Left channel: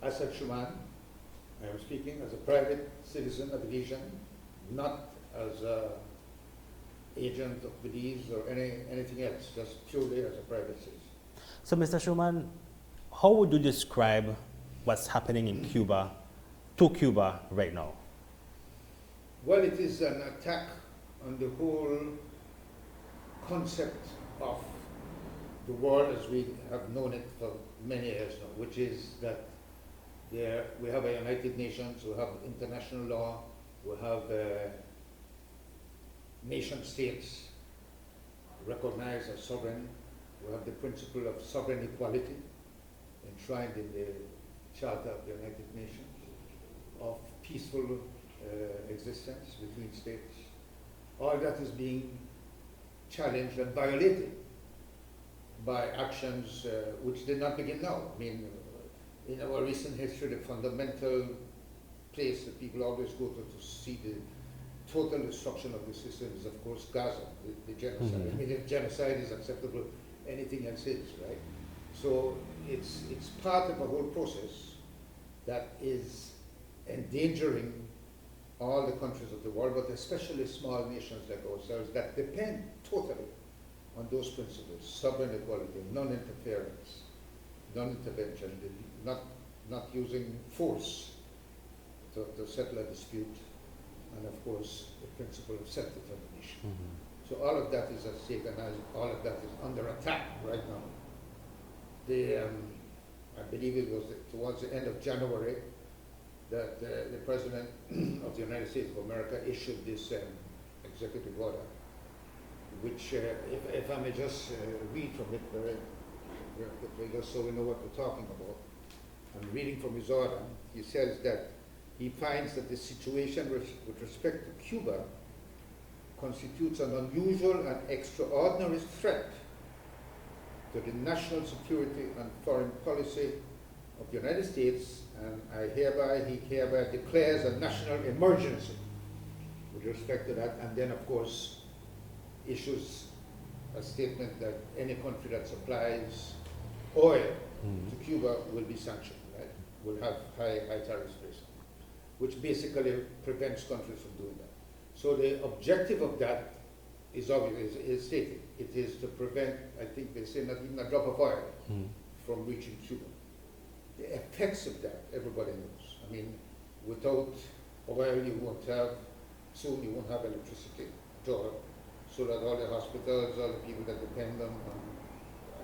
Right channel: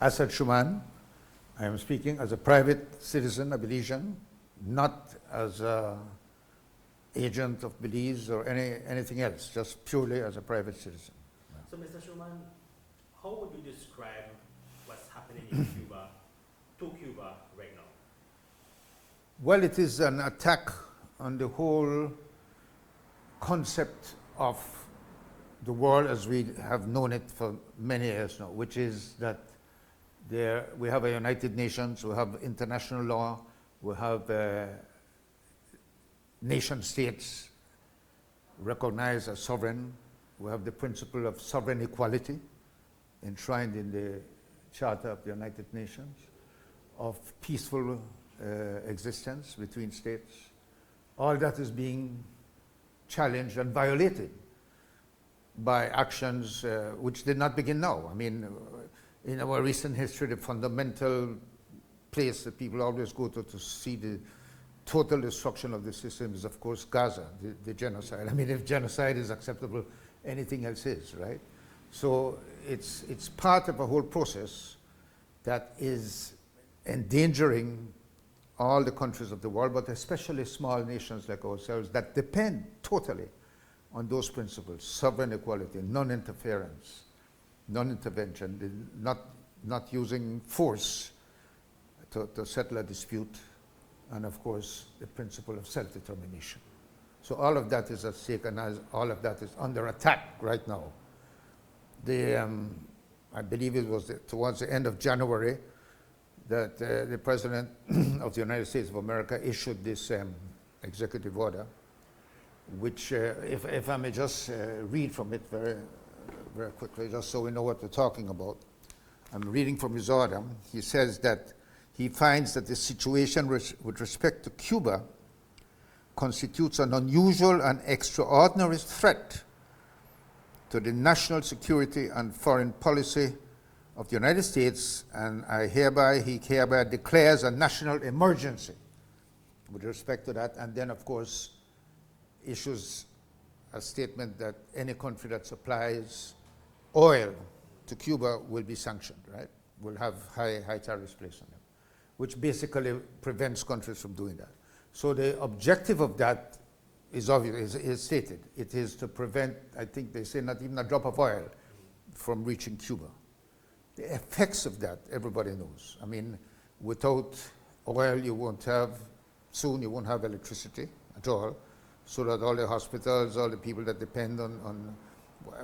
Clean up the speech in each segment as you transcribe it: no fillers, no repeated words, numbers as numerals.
As said Shoman, I am speaking as a private citizen, a Belizean, not as an agent of Belize or anything else, just purely as a private citizen. So, Mr. Shoman, how would you describe what's happening in Cuba, to Cuba right now? Well, it is an attack on the whole concept of the world as we have known it for many years now, which is that we have a United Nations, we have international law, we have nation states recognized as sovereign, we have the principle of sovereign equality enshrined in the Charter of the United Nations, of peaceful existence between states. All that is being challenged and violated by actions which did not begin now. I mean, in our recent history, the fundamental place that people always go to see the total destruction of the system is, of course, Gaza, the genocide. I mean, if genocide is acceptable, anything else is, right? So it's part of a whole process that is endangering all the countries of the world, but especially small nations like ourselves that depend totally on those principles: sovereign equality, non-interference, non-intervention, not using force to settle a dispute, and of course the principle of self-determination. So all of that is at stake, and all of that is under attack right now. I believe it was towards the end of January that the President of the United States of America issued this executive order, which, if I may just read from it very, very quickly, just so we know what we're talking about. I'm reading from his order. He says that he finds that the situation with respect to Cuba constitutes an unusual and extraordinary threat to the national security and foreign policy of the United States, and he hereby declares a national emergency with respect to that, and then, of course, issues a statement that any country that supplies oil to Cuba will be sanctioned, right? Will have high tariffs placed on it, which basically prevents countries from doing that. So the objective of that is obvious, is stated. It is to prevent, I think they say, not even a drop of oil from reaching Cuba. The effects of that, everybody knows. I mean, without oil, you won't have electricity at all, so that all the hospitals, all the people that depend on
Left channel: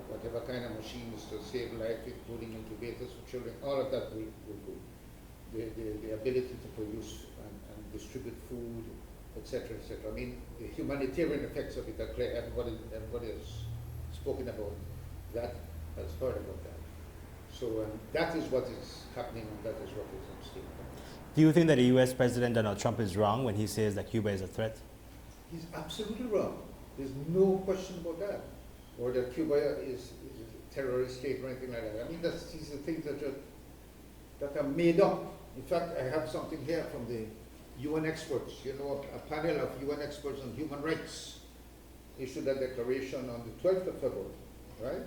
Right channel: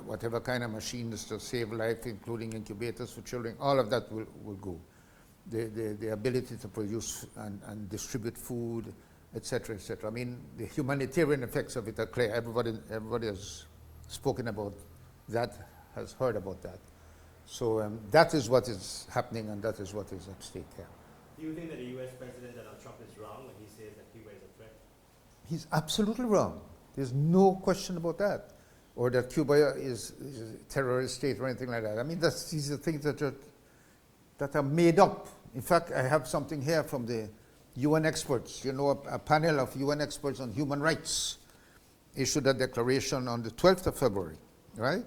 whatever kind of machines to save life, including incubators for children, all of that will go. The ability to produce and distribute food, etc., etc. I mean, the humanitarian effects of it are clear. Everybody has spoken about that, has heard about that. So that is what is happening, and that is what is at stake there. Do you think that the US President Donald Trump is wrong when he says that Cuba is a threat? He's absolutely wrong. There's no question about that. Or that Cuba is a terrorist state or anything like that. I mean, these are things that are made up. In fact, I have something here from the UN experts. You know, a panel of UN experts on human rights issued a declaration on the 12th of February, right?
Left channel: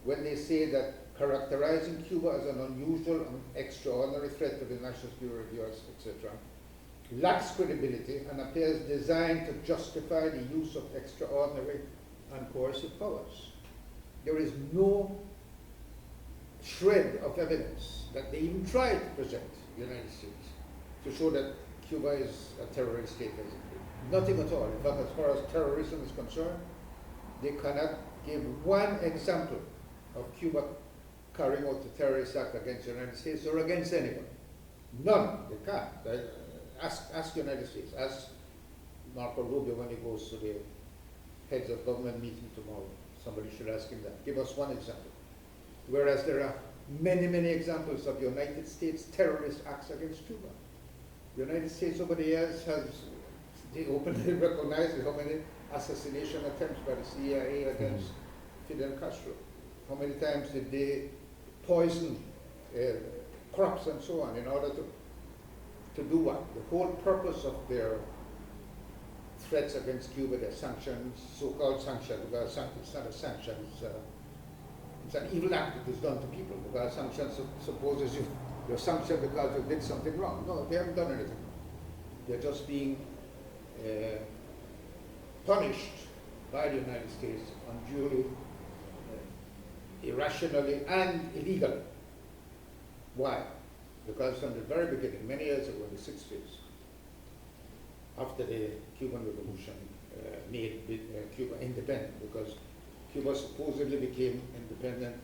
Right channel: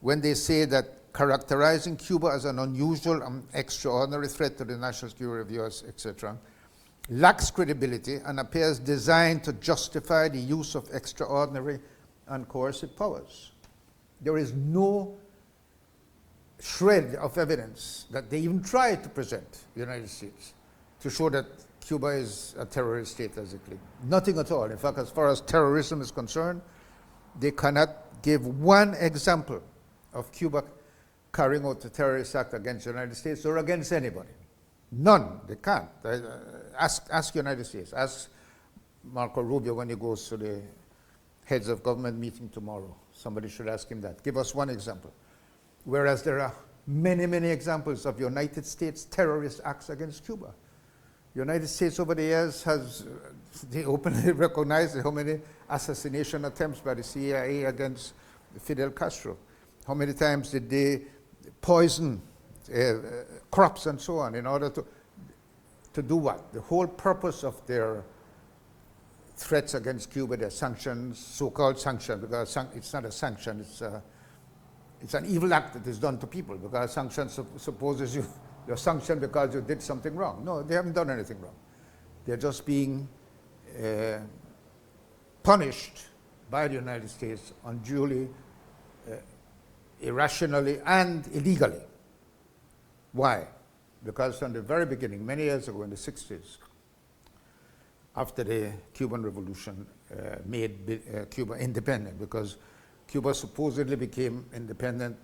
When they say that characterizing Cuba as an unusual and extraordinary threat to the national security of the US, etc., lacks credibility and appears designed to justify the use of extraordinary and coercive powers. There is no shred of evidence that they even tried to present the United States to show that Cuba is a terrorist state, as it claims. Nothing at all. In fact, as far as terrorism is concerned, they cannot give one example of Cuba carrying out a terrorist act against the United States or against anybody. None. They can't. Ask United States. Ask Marco Rubio when he goes to the heads of government meeting tomorrow. Somebody should ask him that. Give us one example. Whereas there are many, many examples of United States terrorist acts against Cuba. The United States over the years they openly recognized how many assassination attempts by the CIA against Fidel Castro. How many times did they poison crops and so on in order to do what? The whole purpose of their threats against Cuba, their sanctions, so-called sanctions, because it's not a sanction, it's an evil act that is done to people, because sanctions supposes you're sanctioned because you did something wrong. No, they haven't done anything wrong. They're just being punished by the United States unduly, irrationally, and illegally. Why? Because from the very beginning, many years ago in the 60s, after the Cuban Revolution made Cuba independent, because Cuba supposedly became independent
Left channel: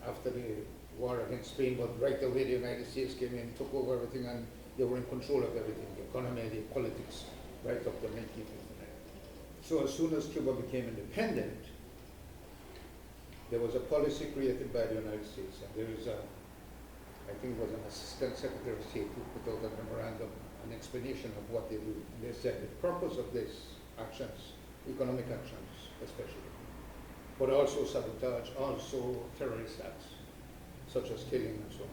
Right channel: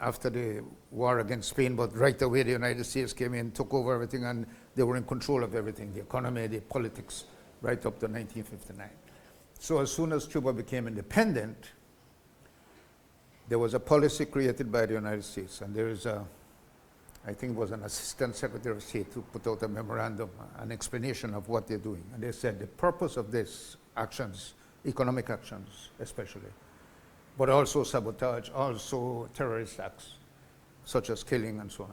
after the war against Spain, but right away the United States came in, took over everything, and they were in control of everything, the economy, the politics, right up to 1959. So as soon as Cuba became independent, there was a policy created by the United States, and there is I think it was an assistant secretary of state who put out a memorandum, an explanation of what they're doing. And they said the purpose of this actions, economic actions especially, but also sabotage, also terrorist acts, such as killing and so on.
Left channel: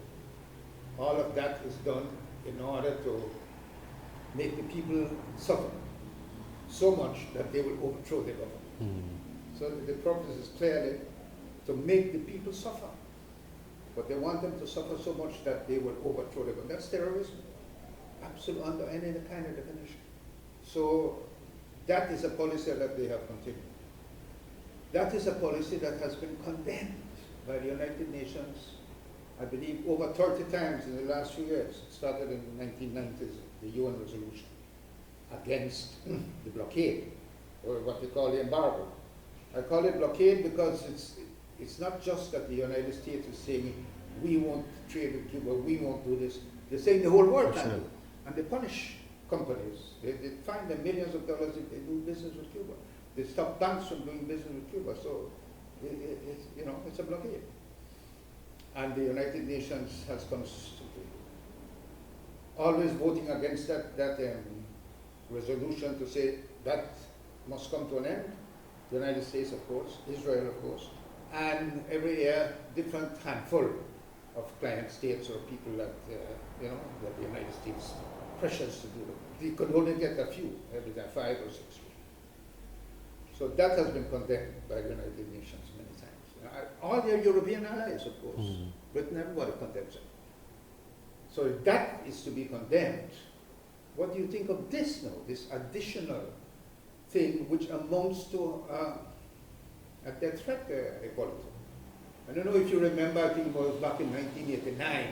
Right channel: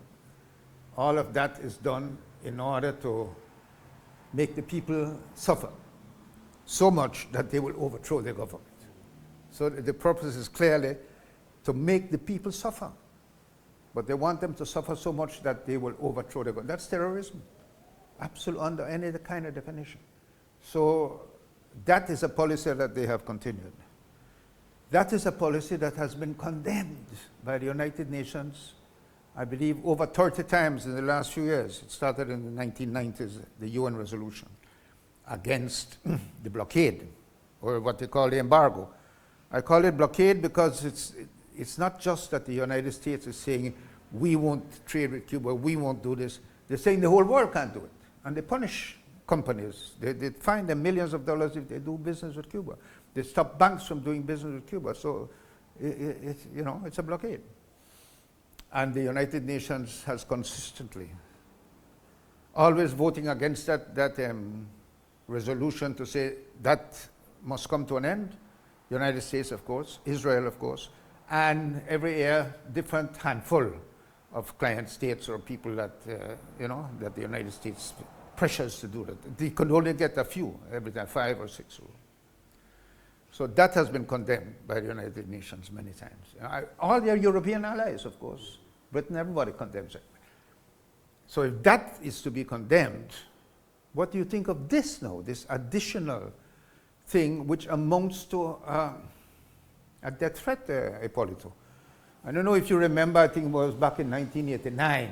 All of that is done in order to make the people suffer so much that they will overthrow the government. So the purpose is clearly to make the people suffer. But they want them to suffer so much that they will overthrow the government. That's terrorism, absolutely, under any kind of definition. So that is a policy that they have continued. That is a policy that has been condemned by the United Nations, I believe, over 30 times in the last few years. It started in the 1990s, the UN resolution against the blockade, or what they call the embargo. I call it blockade because it's not just that the United States is saying, we won't trade with Cuba, we won't do this. They're saying the whole world can't do it. And they punish companies. They fine them millions of dollars if they do business with Cuba. They stop banks from doing business with Cuba. So, it's a blockade. And the United Nations has consistently, always voting against that resolution to say that must come to an end. The United States, of course, Israel, of course, and every year, different handful of client states or people that, that the United States pressures to do that. They could only get a few every time, 5 or 6. So that has been condemned by the United Nations many times. All their European allies, of course. Britain, everybody condemns it. So if that is to be condemned, what do you think of this now, this additional thing which amounts to a death threat, Ippolito? I don't know if you remember, I think it was back in 1989,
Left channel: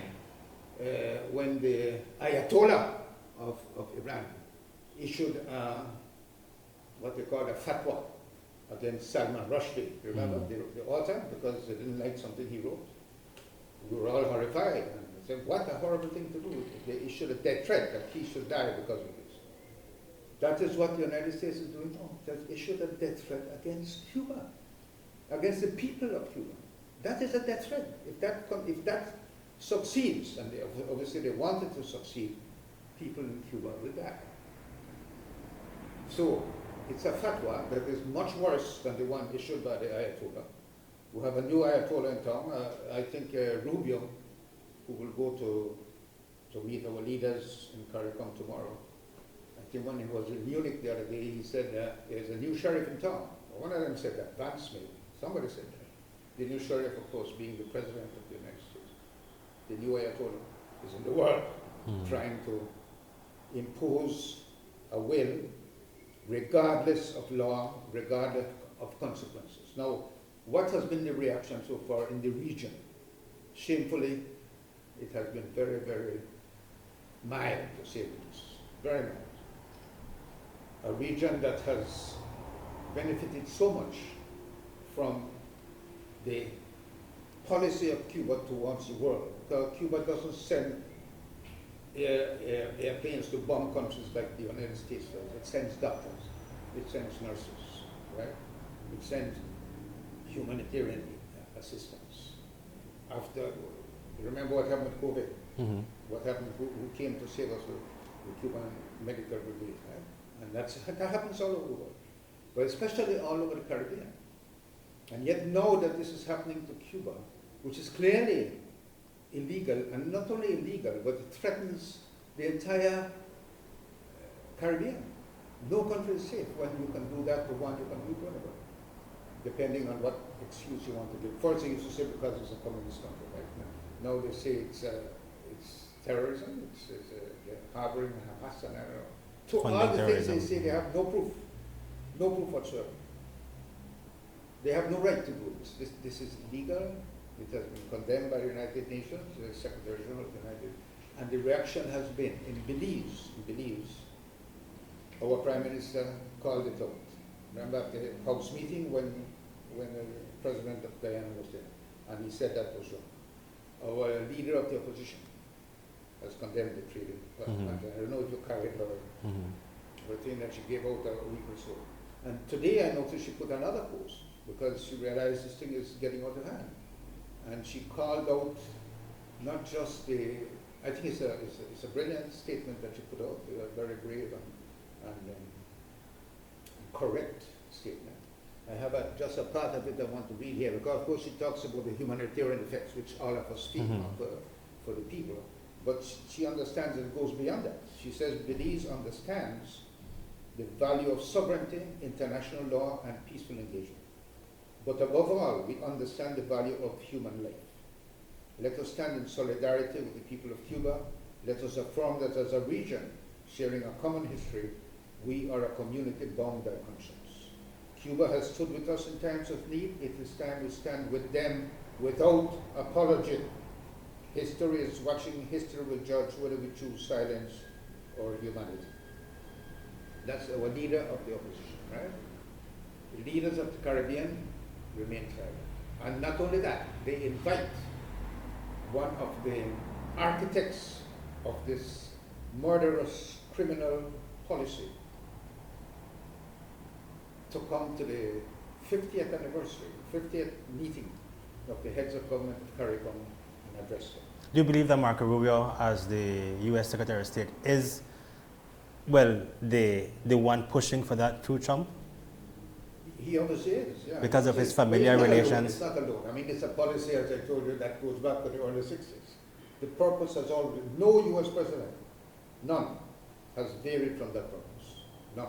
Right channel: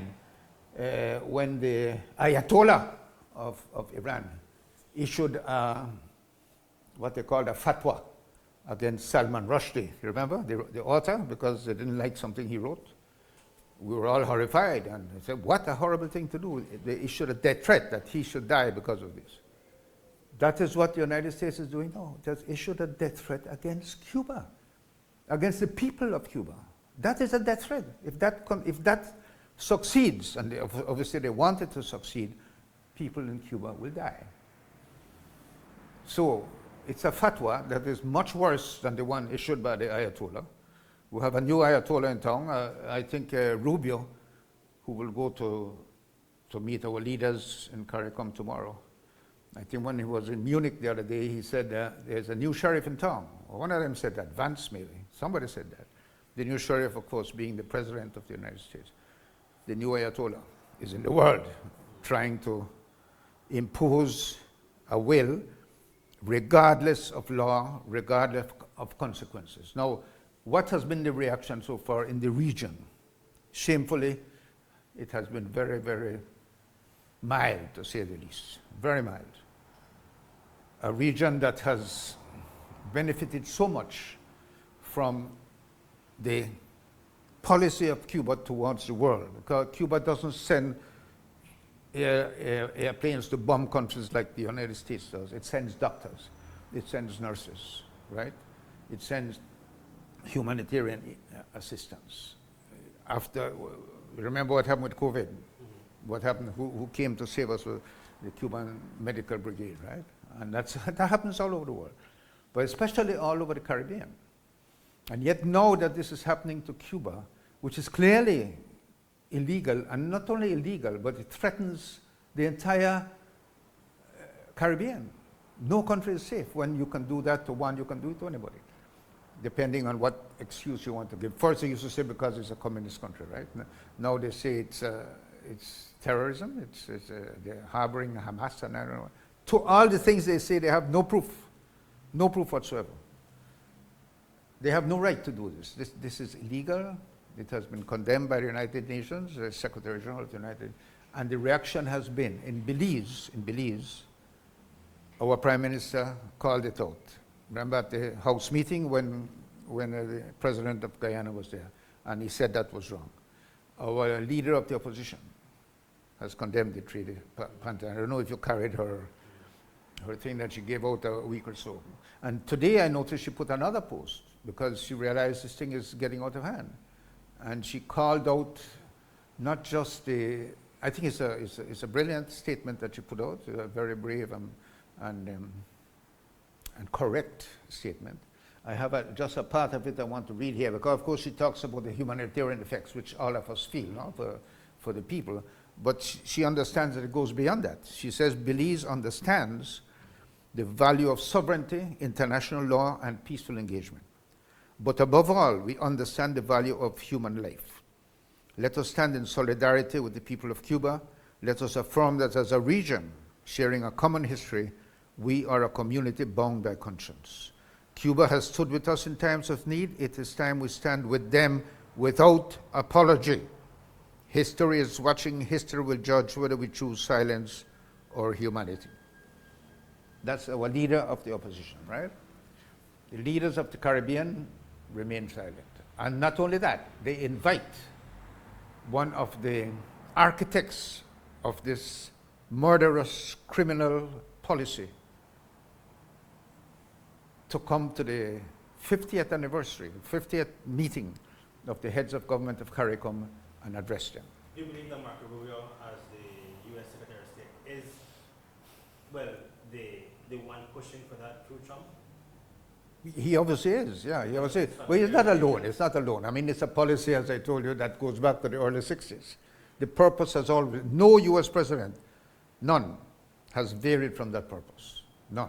when the Ayatollah of Iran issued what they called a fatwa against Salman Rushdie. You remember the author, because they didn't like something he wrote? We were all horrified, and they said, what a horrible thing to do. They issued a death threat that he should die because of this. That is what the United States is doing now. It has issued a death threat against Cuba, against the people of Cuba. That is a death threat. If that succeeds, and obviously they want it to succeed, people in Cuba will die. So it's a fatwa that is much worse than the one issued by the Ayatollah. We have a new Ayatollah in town, I think Rubio, who will go to meet our leaders in CARICOM tomorrow. I think when he was in Munich the other day, he said there's a new sheriff in town. One of them said that, Vance maybe. Somebody said that. The new sheriff, of course, being the president of the United States. The new Ayatollah is in the world trying to impose a will regardless of law, regardless of consequences. Now, what has been the reaction so far in the region? Shamefully, it has been very, very mild, to say the least. Very mild. A region that has benefited so much from the policy of Cuba towards the world, because Cuba doesn't send airplanes to bomb countries like the United States does. It sends doctors, it sends nurses, right? It sends humanitarian assistance. After, remember what happened with COVID? What happened, who came to save us? The Cuban Medical Brigade, right? And that happens all over the world, but especially all over the Caribbean. And yet now that this is happening to Cuba, which is clearly illegal, and not only illegal, but it threatens the entire Caribbean. No country is safe when you can do that to one, you can do it to anybody, depending on what excuse you want to give. First, they used to say because it's a communist country, right? Now they say it's terrorism. They're harboring Hamas, and I don't know. To all the things they say, they have no proof whatsoever. They have no right to do this. This is illegal. It has been condemned by the United Nations, the Secretary General of the United, and the reaction has been in Belize. Our Prime Minister called it out. Remember at the House meeting when the President of Guyana was there, and he said that was wrong. Our leader of the opposition has condemned the treaty. And I don't know if you carried her thing that she gave out a week or so. And today I noticed she put another post because she realized this thing is getting out of hand. And she called out not just I think it's a brilliant statement that she put out, a very brave and correct statement. I have just a part of it I want to read here, because of course she talks about the humanitarian effects which all of us feel for the people, but she understands that it goes beyond that. She says Belize understands the value of sovereignty, international law, and peaceful engagement. But above all, we understand the value of human life. Let us stand in solidarity with the people of Cuba. Let us affirm that as a region sharing a common history, we are a community bound by conscience. Cuba has stood with us in times of need. It is time we stand with them without apology. History is watching. History will judge whether we choose silence or humanity. That's our leader of the opposition, right? The leaders of the Caribbean remain silent. And not only that, they invite one of the architects of this murderous criminal policy to come to the 50th anniversary, 50th meeting of the heads of government of CARICOM and address them. Do you believe that Marco Rubio, as the U.S. Secretary of State, is, well, the one pushing for that through Trump? He obviously is, yeah. Because of his Well, familiar relations. It's not alone. I mean, it's a policy, as I told you, that goes back to the early 60s. The purpose has always, no U.S. president, none, has varied from that purpose. None.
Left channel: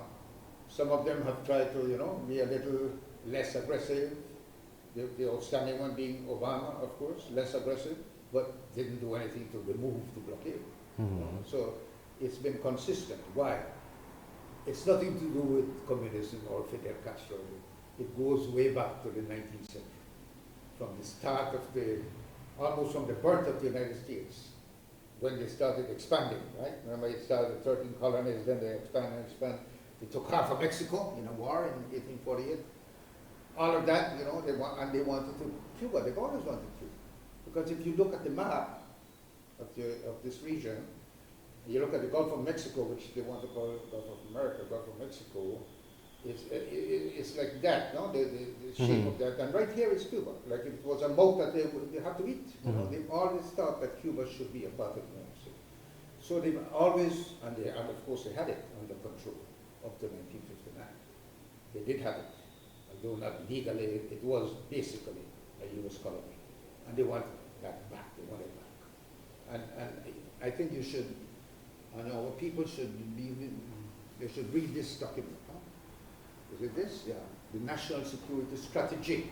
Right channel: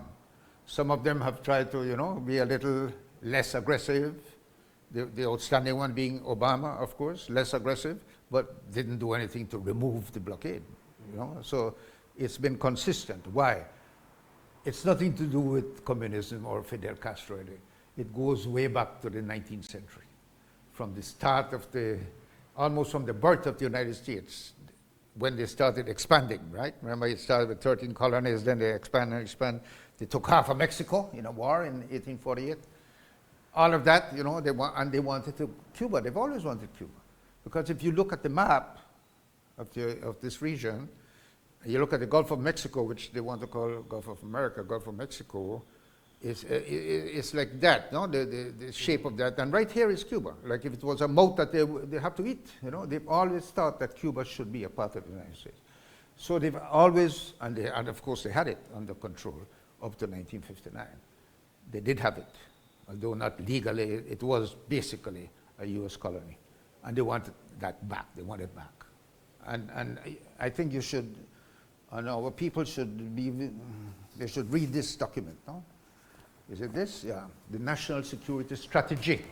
Some of them have tried to, be a little less aggressive. The outstanding one being Obama, of course, less aggressive, but didn't do anything to remove the blockade. So it's been consistent. Why? It's nothing to do with communism or Fidel Castro. It goes way back to the 19th century. From the start of almost from the birth of the United States, when they started expanding, right? Remember, it started with 13 colonies, then they expand and expand. They took half of Mexico in a war in 1848. All of that, they wanted to Cuba. They've always wanted Cuba. Because if you look at the map of this region, you look at the Gulf of Mexico, which they want to call Gulf of America, Gulf of Mexico, it's like that, no? The shape of that. And right here is Cuba. Like if it was a mouth that they have to eat. They've always thought that Cuba should be a part of the United States. So they've always, and of course they had it under control up to 1959. They did have it, although not legally. It was basically a U.S. colony. And they wanted that back. They want it back. And I think you should, our people should they should read this document. No? Is it this? Yeah. The National Security Strategy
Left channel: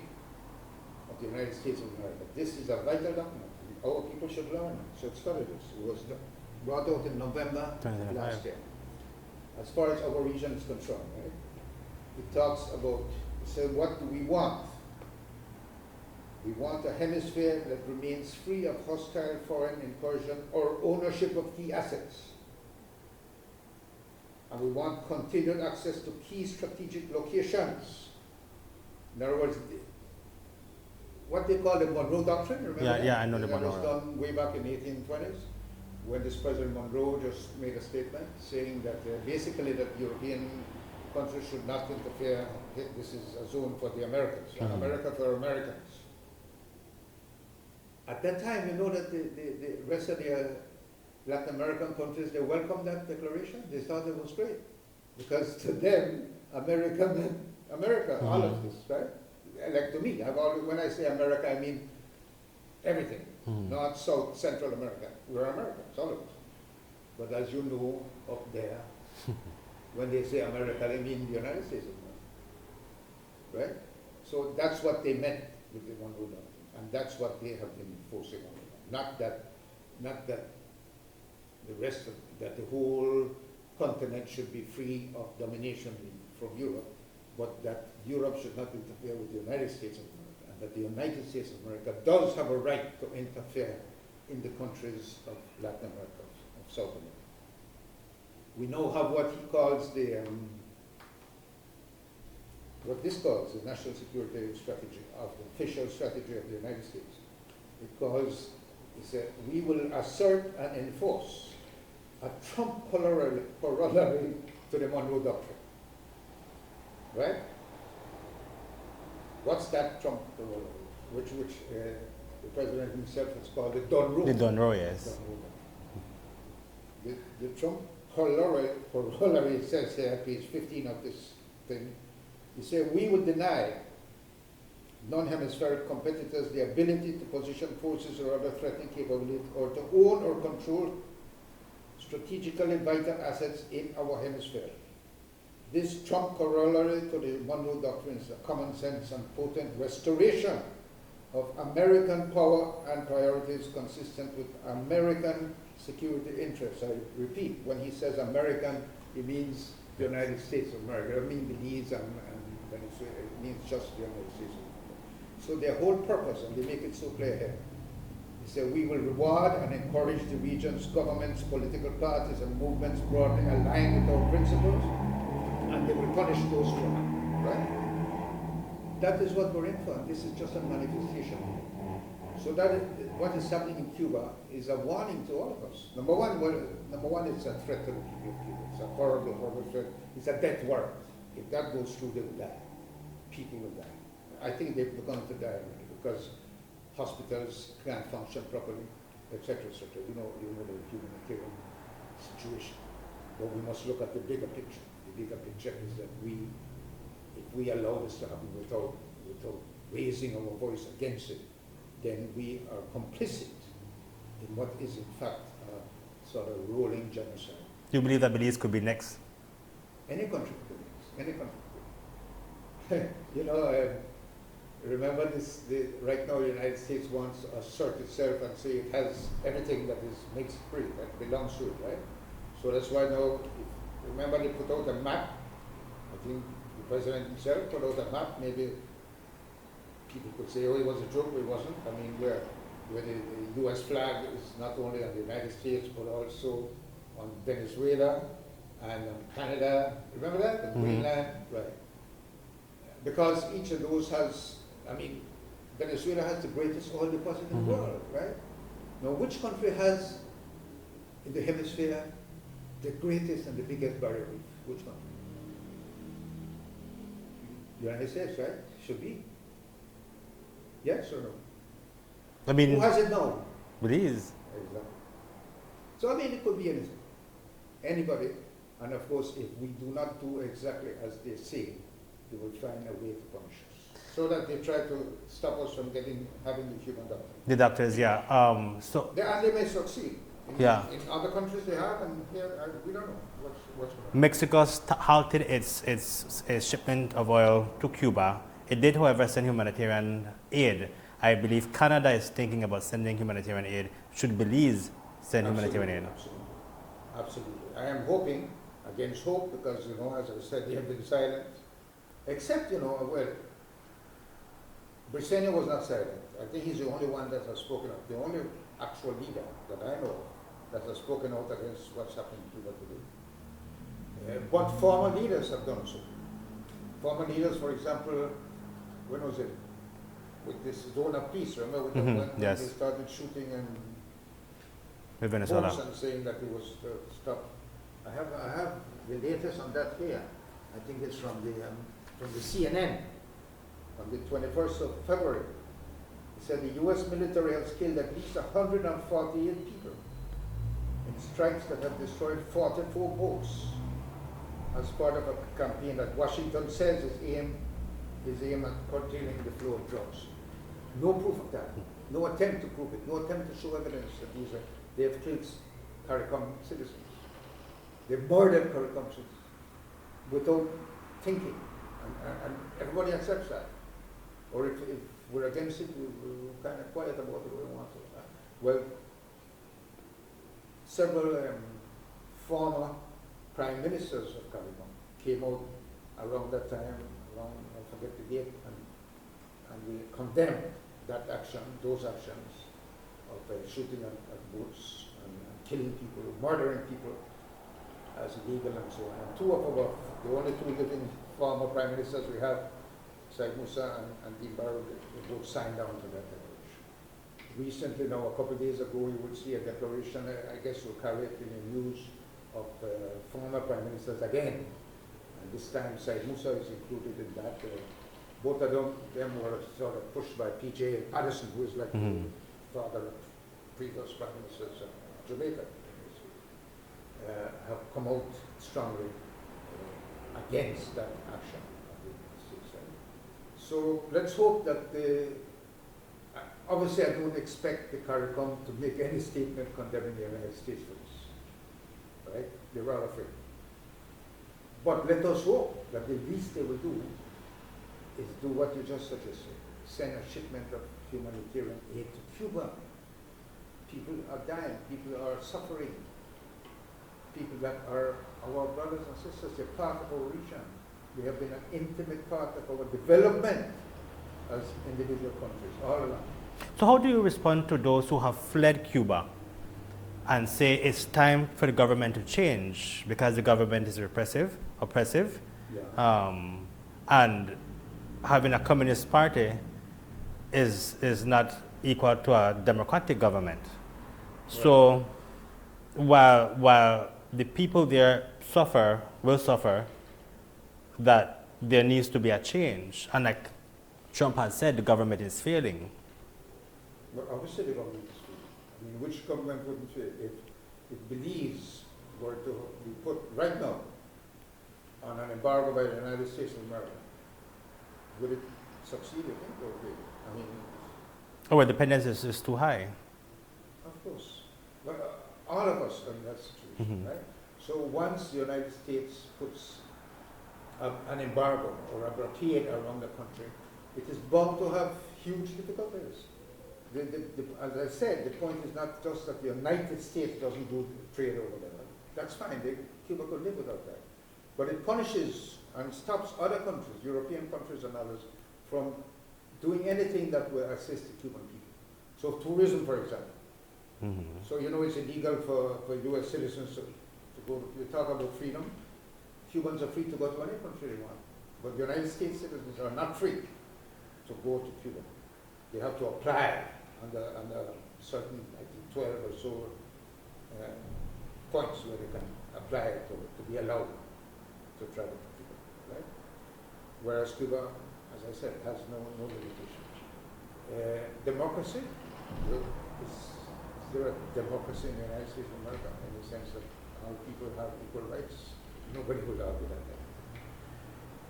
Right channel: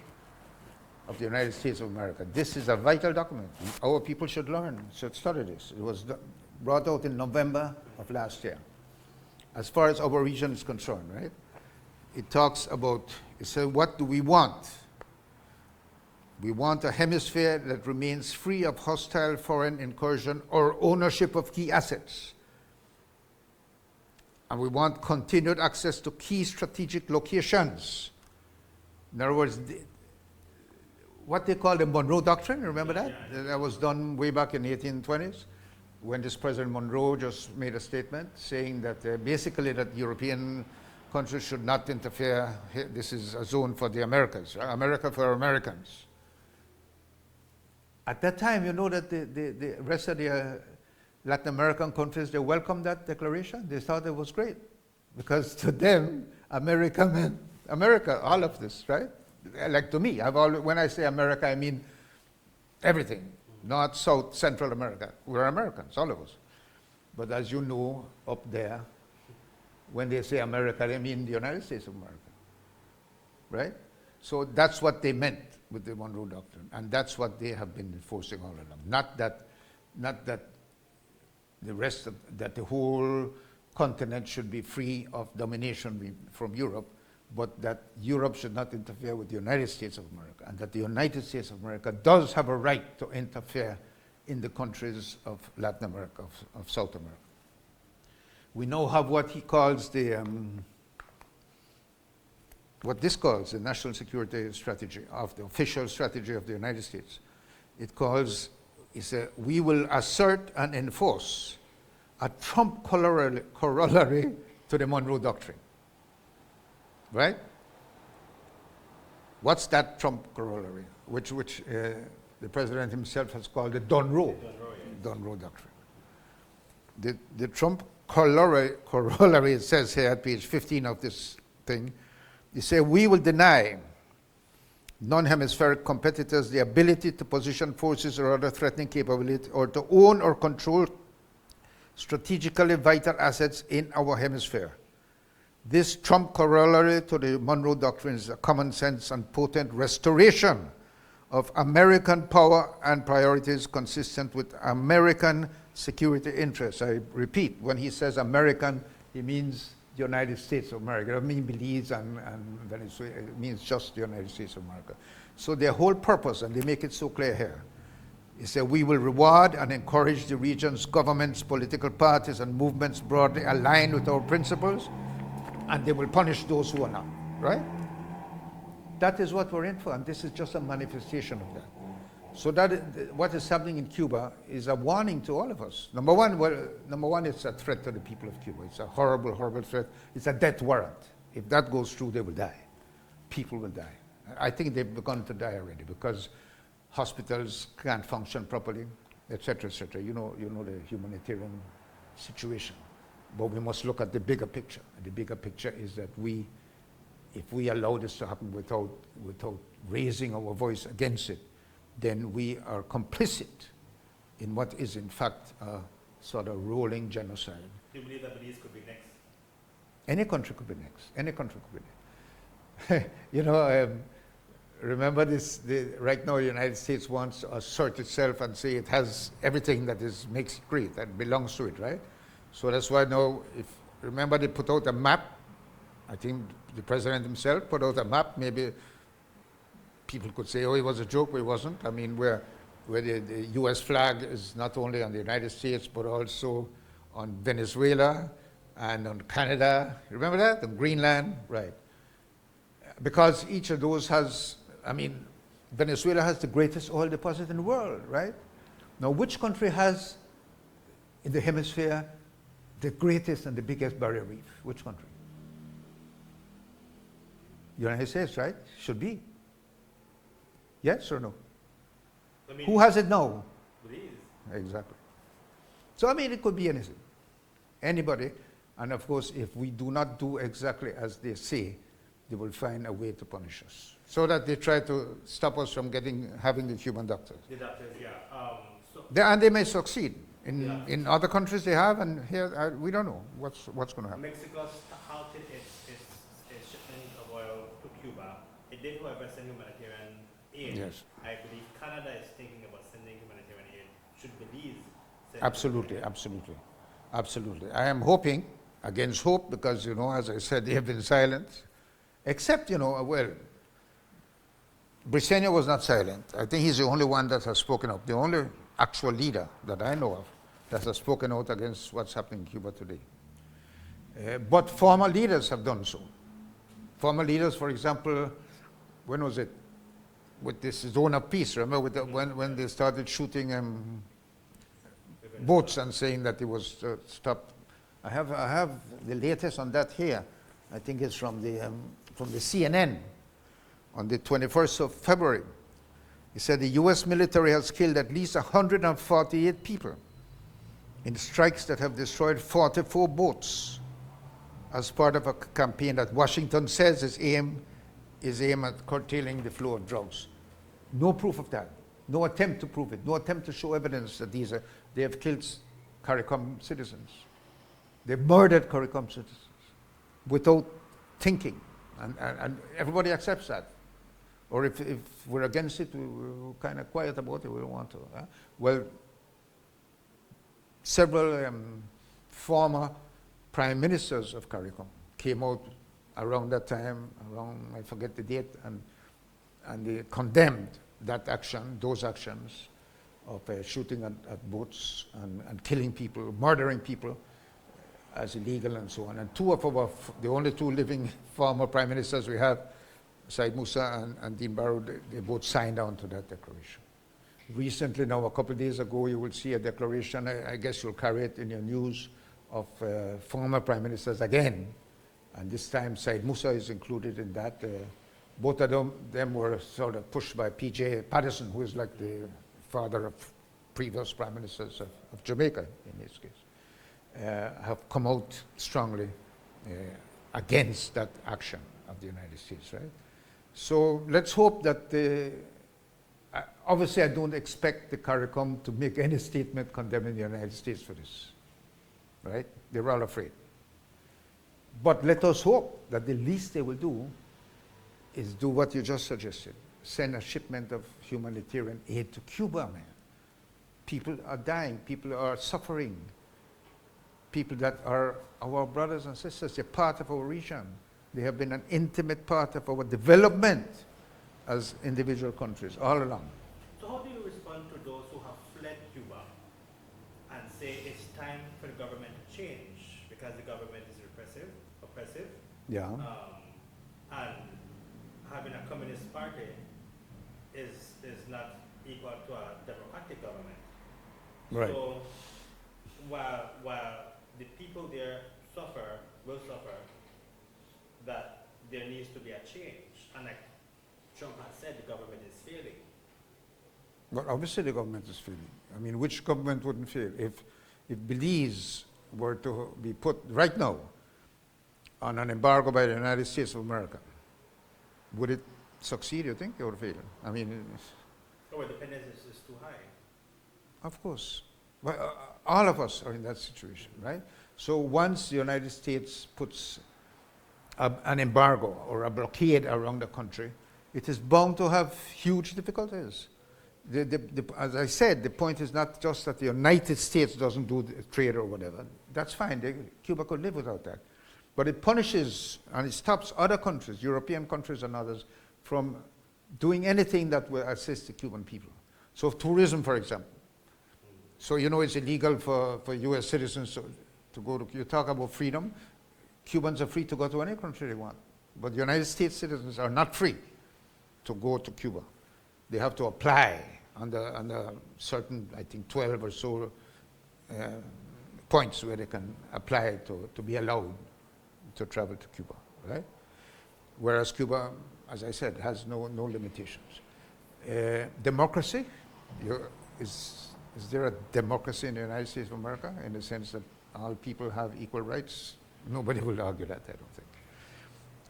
of the United States of America. This is a vital document. Our people should learn, should study this. It was brought out in November of last year. As far as our region is concerned, right? It talks about, it says, what do we want? We want a hemisphere that remains free of hostile foreign incursion or ownership of key assets. And we want continued access to key strategic locations. In other words, what they call the Monroe Doctrine, remember that? Yeah, I know that was done way back in the 1820s, when this President Monroe just made a statement saying that basically that European countries should not interfere. This is a zone for the Americans, America for Americans. At that time, you know that the rest of the Latin American countries, they welcomed that declaration. They thought it was great. Because to them, America meant America, all of this, right? Like to me, when I say America, I mean everything. North, South, Central America. We're Americans, all of us. But as you know, up there, when they say America, they mean the United States of America, right? So that's what they meant with the Monroe Doctrine, and that's what they have been enforcing all along. Not that the rest of, that the whole continent should be free of domination from Europe, but that Europe should not interfere with the United States of America, and that the United States of America does have a right to interfere in the countries of Latin America, of South America. We now have what he calls the, what this calls the national security strategy, of the official strategy of the United States. It calls, he said, we will assert and enforce a Trump corollary to the Monroe Doctrine. Right? What's that Trump corollary? Which the president himself has called the Monroe. The Monroe, yes. The Monroe Doctrine. The Trump corollary, it says here at page 15 of this thing, they say, we will deny non-hemispheric competitors the ability to position forces or other threatening capability or to own or control strategically vital assets in our hemisphere. This Trump corollary to the Monroe Doctrine is a common sense and potent restoration of American power and priorities consistent with American security interests. I repeat, when he says American, he means the United States of America. It doesn't mean Belize and Venezuela. It means just the United States of America. So their whole purpose, and they make it so clear here, is that we will reward and encourage the region's governments, political parties, and movements broadly aligned with our principles, and they will punish those who are not, right? That is what we're in for, and this is just a manifestation of that. So what is happening in Cuba is a warning to all of us. Number one, it's a threat to the people of Cuba. It's a horrible, horrible threat. It's a death warrant. If that goes through, they will die. People will die. I think they've begun to die already because hospitals can't function properly, etc., etc. You know the humanitarian situation. But we must look at the bigger picture. And the bigger picture is that if we allow this to happen without raising our voice against it, then we are complicit in what is in fact a sort of rolling genocide. Do you believe that Belize could be next? Any country could be next. Any country could be next. Remember this, right now the United States wants to assert itself and say it has everything that makes it great, that belongs to it, right? So that's why now, remember they put out a map. I think the president himself put out a map. Maybe people could say, oh, it was a joke, but it wasn't. I mean, where the US flag is not only on the United States, but also on Venezuela and on Canada. Remember that? And Greenland, right. Because each of those has, I mean, Venezuela has the greatest oil deposit in the world, right? Now, which country has in the hemisphere the greatest and the biggest barrier reef? Which country? United States, right? Should be. Yes or no? I mean, who has it now? Belize. Exactly. So I mean, it could be anything, anybody, and of course, if we do not do exactly as they say, they will find a way to punish us. So that they try to stop us from having the Cuban doctor. The doctors, yeah. And they may succeed. In other countries they have, and here we don't know what's going to happen. Mexico halted its shipment of oil to Cuba. It did, however, send humanitarian aid. Yes. I believe Canada is thinking about sending humanitarian aid. Should Belize send humanitarian aid? Absolutely. Absolutely. I am hoping, against hope, because, as I said, they have been silent. Except, Briceño was not silent. I think he's the only one that has spoken up, the only actual leader that I know of that has spoken out against what's happening in Cuba today. But former leaders have done so. Former leaders, for example, when was it? With this zone of peace, remember when yes. They started shooting boats and saying that it was stopped. I have the latest on that here. I think it's from the CNN on the 21st of February. He said the US military has killed at least 148 people in strikes that have destroyed 44 boats as part of a campaign that Washington says is aimed at curtailing the flow of drugs. No proof of that. No attempt to prove it. No attempt to show evidence that they have killed CARICOM citizens. They've murdered CARICOM citizens without thinking. And everybody accepts that. Or if we're against it, we're kind of quiet about it, we don't want to. Well, several former prime ministers of CARICOM came out around that time, I forget the date, and they condemned that action, those actions of shooting at boats and killing people, murdering people as illegal and so on. And two of the only two living former prime ministers we have, Said Musa and Dean Barrow, they both signed on to that declaration. Recently, now a couple of days ago, you will see a declaration, I guess you'll carry it in your news, of former prime ministers again. And this time, Said Musa is included in that. Both of them were sort of pushed by P.J. Patterson, who is like the father of previous prime ministers of Jamaica, in this case, have come out strongly against that action of the United States, right? So let's hope that obviously I don't expect the CARICOM to make any statement condemning the United States for this, right? They're all afraid. But let us hope that the least they will do is do what you just suggested, send a shipment of humanitarian aid to Cuba, man. People are dying, people are suffering. People that are our brothers and sisters, they're part of our region. They have been an intimate part of our development as individual countries all along. So how do you respond to those who have fled Cuba and say it's time for the government to change because the government is oppressive, Yeah. and having a communist party is not equal to a democratic government? Right. So while the people there will suffer, that there needs to be a change. And like Trump has said, the government is failing. But obviously the government is failing. I mean, which government wouldn't fail? If Belize were to be put right now on an embargo by the United States of America, would it succeed, you think, or fail? I mean, Our dependence is too high. of course. Well, all of us are in that situation, right? So once the United States puts an embargo or a blockade around the country, it is bound to have huge difficulties. As I said, the point is not just that the United States doesn't do the trade or whatever. That's fine. Cuba could live without that. But it punishes and it stops other countries, European countries and others, from doing anything that will assist the Cuban people. So tourism, for example. So you know it's illegal for U.S. citizens to go to, you talk about freedom, Cubans are free to go to any country they want. But United States citizens are not free to go to Cuba. They have to apply under certain, I think 12 or so points where they can apply to be allowed to travel to Cuba, right? Whereas Cuba, as I said, has no limitations. Democracy, is there a democracy in the United States of America in the sense that all people have equal rights? Nobody will argue that.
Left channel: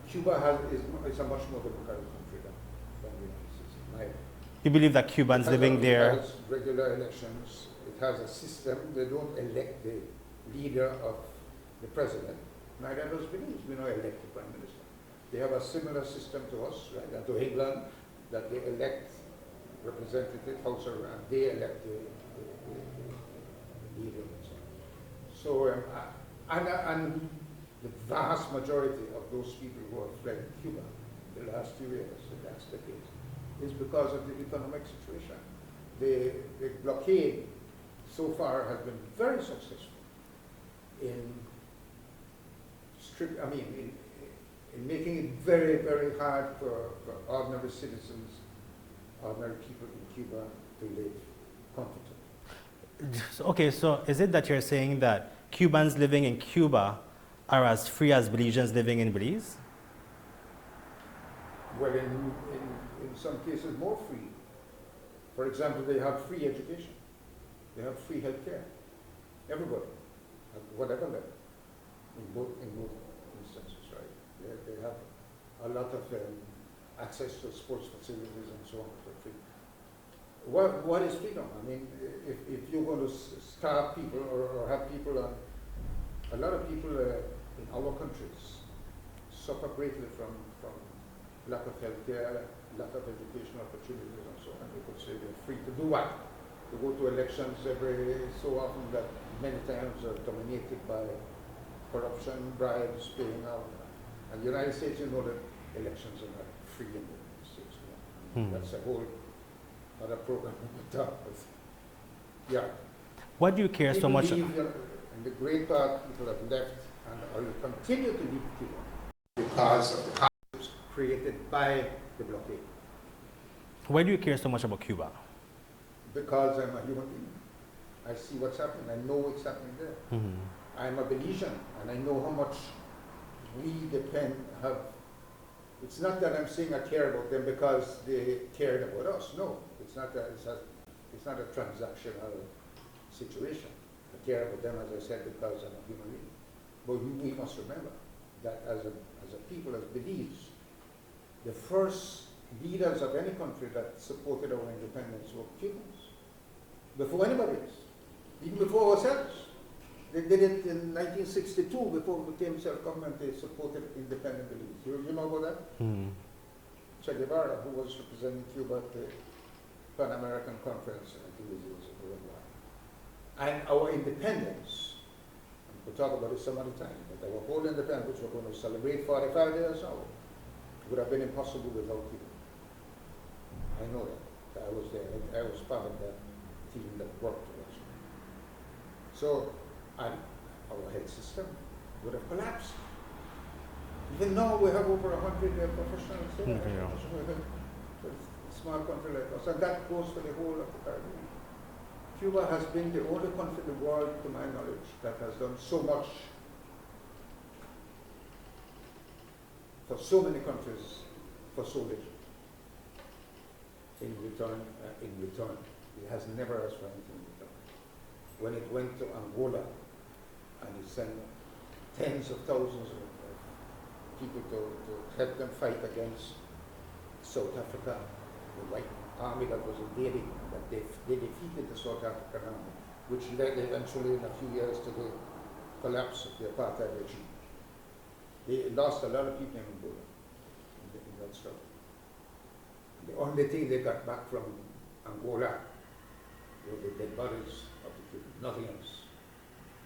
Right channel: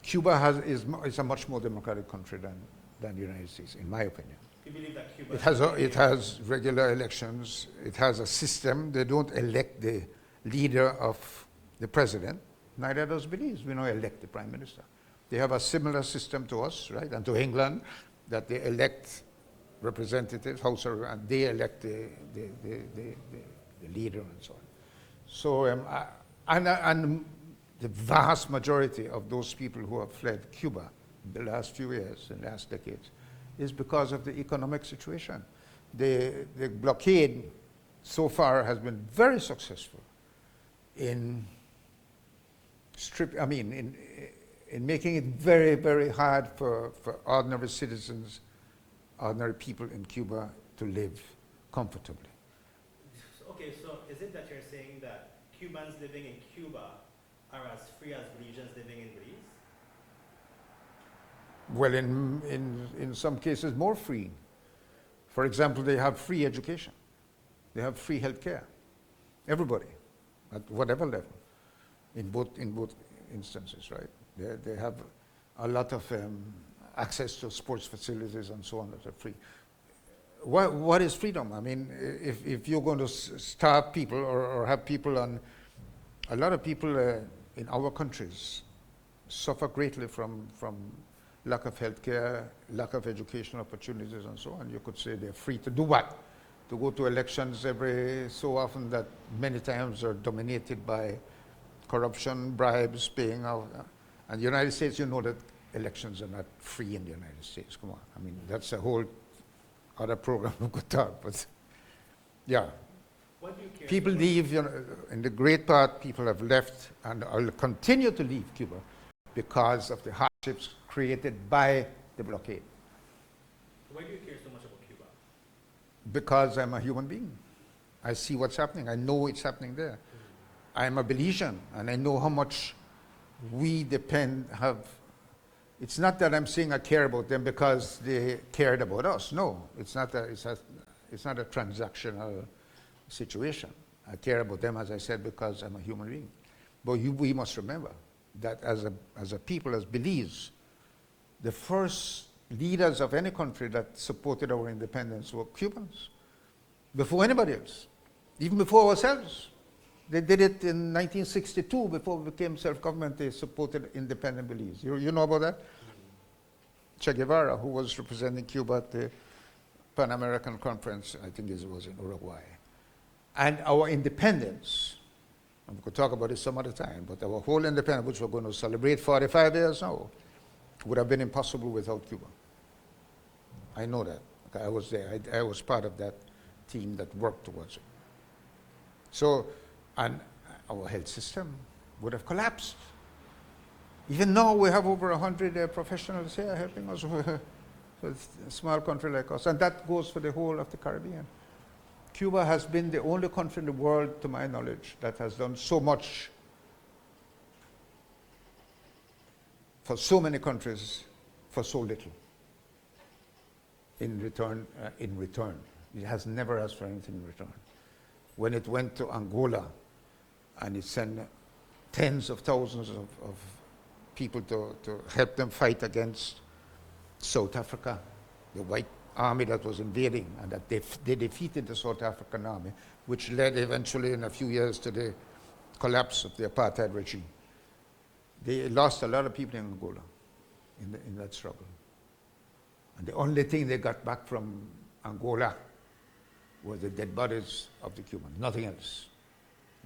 Cuba is a much more democratic country than the United States, in my opinion. You believe that Cubans living there... It has regular elections. It has a system. They don't elect the leader of the president. Neither does Belize. We don't elect the prime minister. They have a similar system to us, right, and to England, that they elect representatives, and they elect the leader and so on. So, and the vast majority of those people who have fled Cuba in the last few years, in the last decades, is because of the economic situation. The blockade so far has been very successful in making it very, very hard for ordinary citizens, ordinary people in Cuba to live comfortably. Okay, so is it that you're saying that Cubans living in Cuba are as free as Belizeans living in Belize? Well, in some cases, more free. For example, they have free education. They have free health care. Everybody, at whatever level, in both instances, right? They have a lot of access to sports facilities and so on that are free. What is freedom? I mean, if you're going to starve people or have people on, a lot of people in our countries suffer greatly from lack of health care, lack of educational opportunities and so on. You could say they're free to do what? To go to elections every so often that many times are dominated by corruption, bribes, paying out. And the United States, you know that elections are not free in the United States. Come on. I mean, that's a whole other program we could talk, but yeah. Why do you care People so much? leave, you know, in the great part, people have left and will continue to leave Cuba because of the hardships created by the blockade. Why do you care so much about Cuba? Because I'm a human being. I see what's happening. I know it's happening there. I'm a Belizean, and I know how much we it's not that I'm saying I care about them because they cared about us. No, it's not a transactional situation. I care about them, as I said, because I'm a human being. But we must remember that as a people, as Belize, the first leaders of any country that supported our independence were Cubans, before anybody else, even before ourselves. They did it in 1962, before we became self-government. They supported independent Belize. You know about that? Che Guevara, who was representing Cuba at the Pan American Conference, I think it was in Uruguay. And our independence, and we could talk about it some other time, but our whole independence, which we're going to celebrate 45 years now, would have been impossible without Cuba. I know that. I was there. I was part of that team that worked towards it. So, and our health system would have collapsed. Even now, we have over 100 professionals here. You know, so it's a small country like us, and that goes for the whole of the Caribbean. Cuba has been the only country in the world, to my knowledge, that has done so much for so many countries for so little. In return, it has never asked for anything in return. When it went to Angola, and it sent tens of thousands of people to help them fight against South Africa, the white army that was invading, and that they defeated the South African army, which led eventually in a few years to the collapse of the apartheid regime. They lost a lot of people in Angola in that struggle. And the only thing they got back from Angola was the dead bodies of the Cubans, nothing else.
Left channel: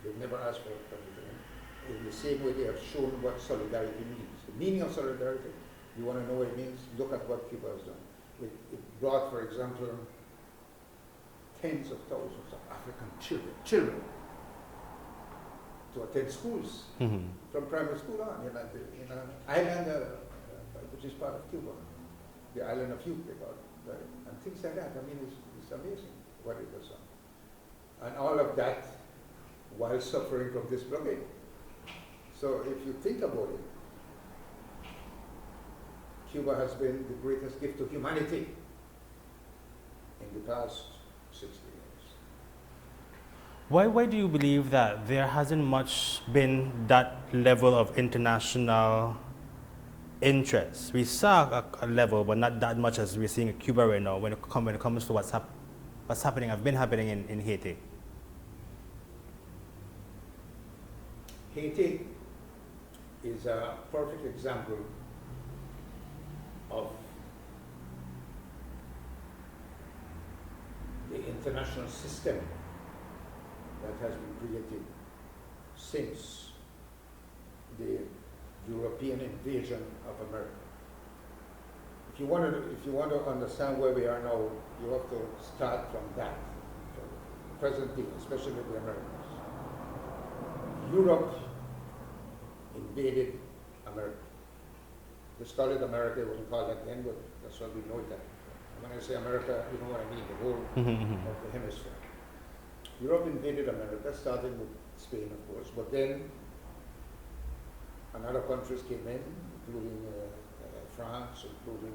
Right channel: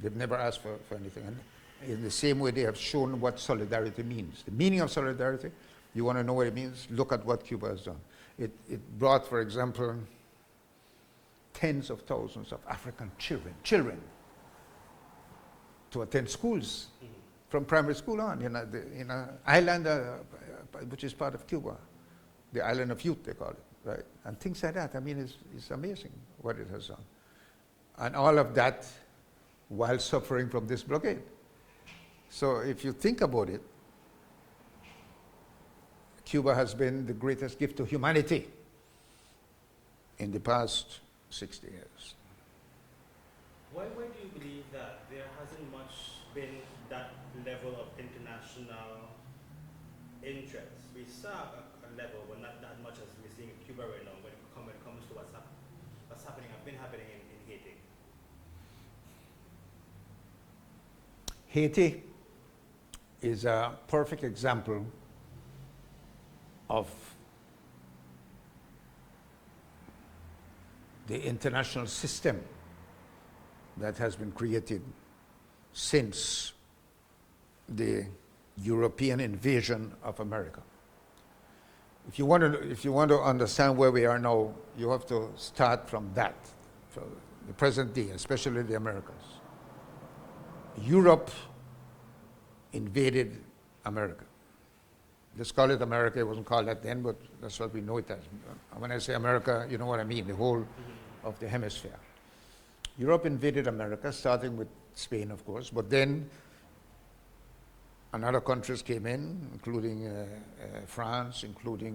They've never asked for anything. And in the same way, they have shown what solidarity means. The meaning of solidarity, you want to know what it means? Look at what Cuba has done. It brought, for example, tens of thousands of African children to attend schools from primary school on in an island which is part of Cuba, the island of youth, they call it, right? And things like that. I mean, it's amazing what it has done. And all of that while suffering from this blockade. So if you think about it, Cuba has been the greatest gift to humanity in the past 60 years. Why do you believe that there hasn't much been that level of international interest? We saw a level, but not that much as we're seeing in Cuba right now when it comes to what's happening, have been happening in Haiti. Haiti is a perfect example of the international system that has been created since the European invasion of America. If you want to understand where we are now, you have to start from that, from the present day, especially the Americans. Europe invaded America. Let's call it America. It wasn't called that then, but that's what we know it as. When I say America, you know what I mean, the whole of the hemisphere. Europe invaded America, starting with Spain, of course, but then another countries came in, including France, including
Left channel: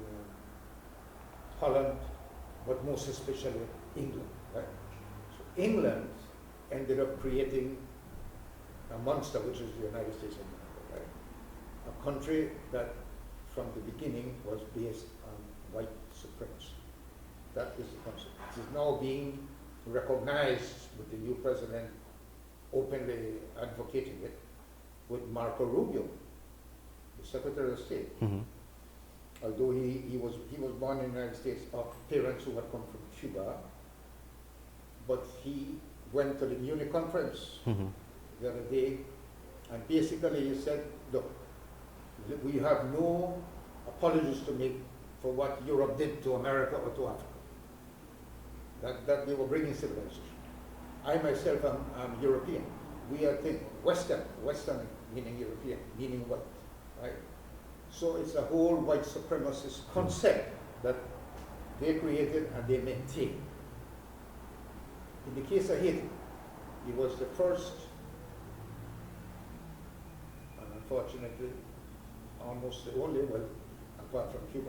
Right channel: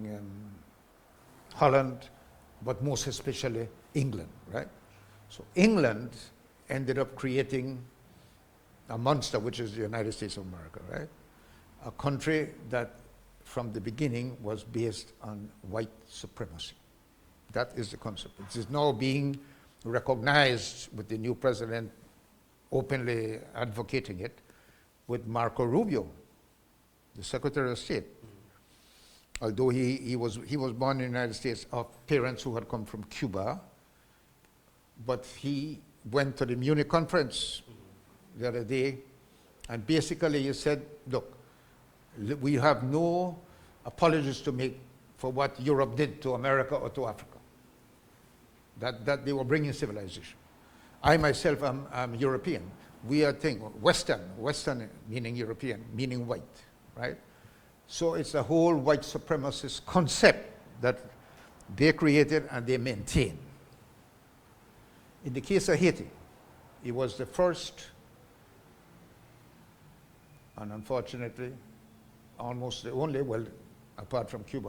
Holland, but most especially England, right? So England ended up creating a monster, which is the United States of America, right? A country that from the beginning was based on white supremacy. That is the concept. It is now being recognized with the new president openly advocating it with Marco Rubio, the Secretary of State. although he was born in the United States of parents who had come from Cuba, but he went to the Munich conference the other day, and basically he said, look, we have no apologies to make for what Europe did to America or to Africa. That they were bringing civilization. I myself am European. We are Western meaning European, meaning white, right? So it's a whole white supremacist concept that they created and they maintain. In the case of Haiti, it was the first, and unfortunately, almost the only, well, apart from Cuba,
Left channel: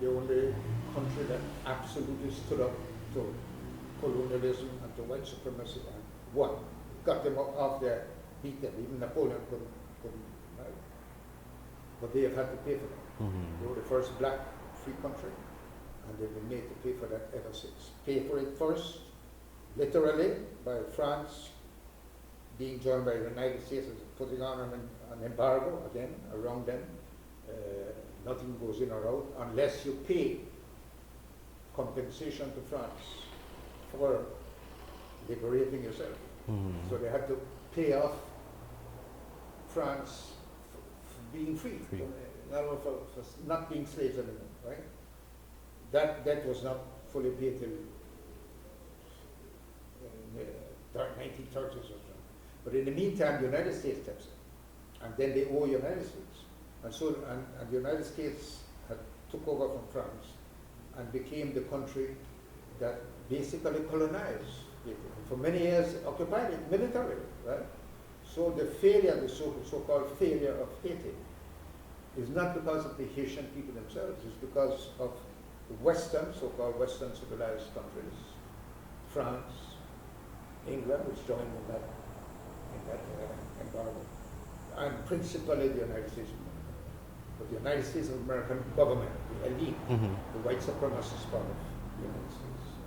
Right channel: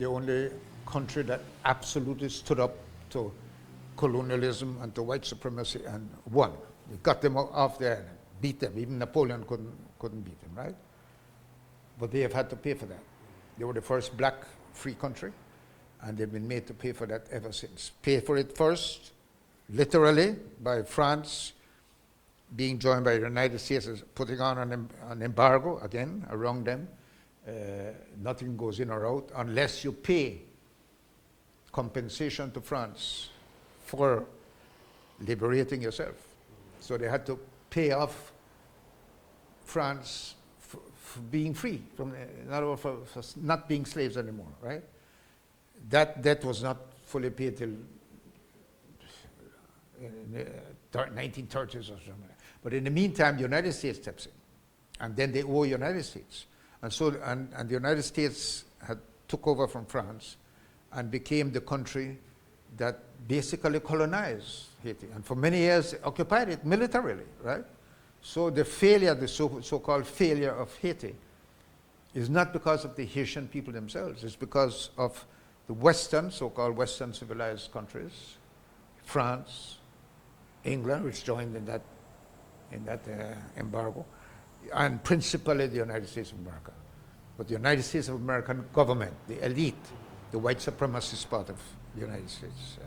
the only country that absolutely stood up to colonialism and to white supremacy and won. We got them off there, beat them. Even Napoleon couldn't beat them, right? But they have had to pay for that. They were the first black free country, and they've been made to pay for that ever since. Pay for it first, literally, by France being joined by the United States as putting on an embargo, again, around them. Nothing goes in or out unless you pay compensation to France for liberating yourself. So they had to pay off France for being free, in other words, for not being slaves anymore, right? That debt was not fully paid till in the 1930s or something. But in the meantime, the United States steps in, and then they owe the United States. And so, and the United States had took over from France and became the country that basically colonized Haiti, and for many years occupied it militarily, right? So the failure, the so-called failure of Haiti, is not because of the Haitian people themselves, it's because of the Western, so-called Western civilized countries, France, England, which joined in that embargo, and principally the United States of America. But the United States of American government, the elite, the white supremacist part of the United States,